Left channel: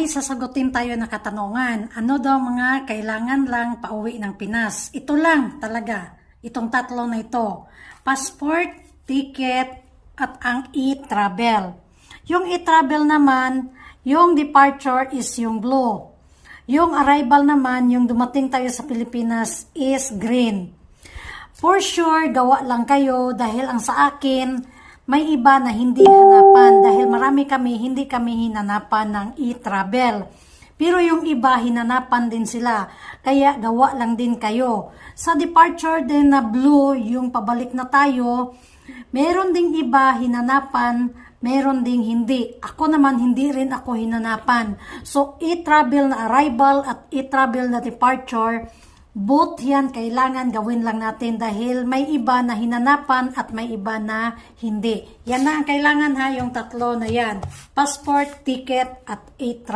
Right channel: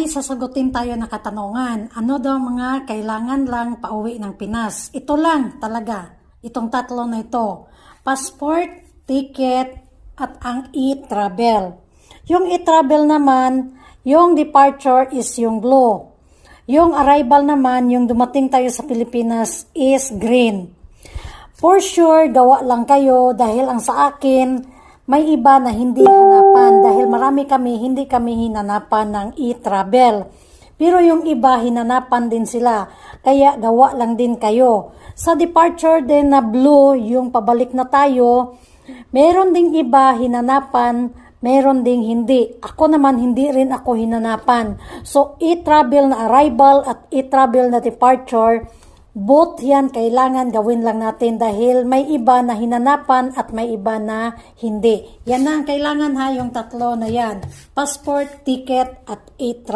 may sasagutin tayo na katanungan. Ano daw mga kailangan lang pauwi ng Pinas? Ito lang talaga, itong tatlo na ito. Passport, ticket, at ang e-travel. Yung e-travel naman, yung departure is yung blue. Yung arrival naman, yung dumating tayo sa Pilipinas is green. For sure, gawa lang kayo dahil ang sa akin, may iba na hindi hanapan dahil marami kami, hindi kami hinanapan ng e-travel. Pero yung iba, hinanapan din sila. Kaya gawa lang din kayo. Sa departure din na blue, yung pabalik na tayo, meron ding iba hinanapan, meron ding hindi. Ako naman, hindi rin ako hinanapan. So, e-travel na arrival at e-travel na departure, both yan kailangan gawin lang natin dahil may iba na hinanapan at may iba na hindi. Yan na ang kailangan ha, yung tatlo na yan. Passport, ticket, at e-travel.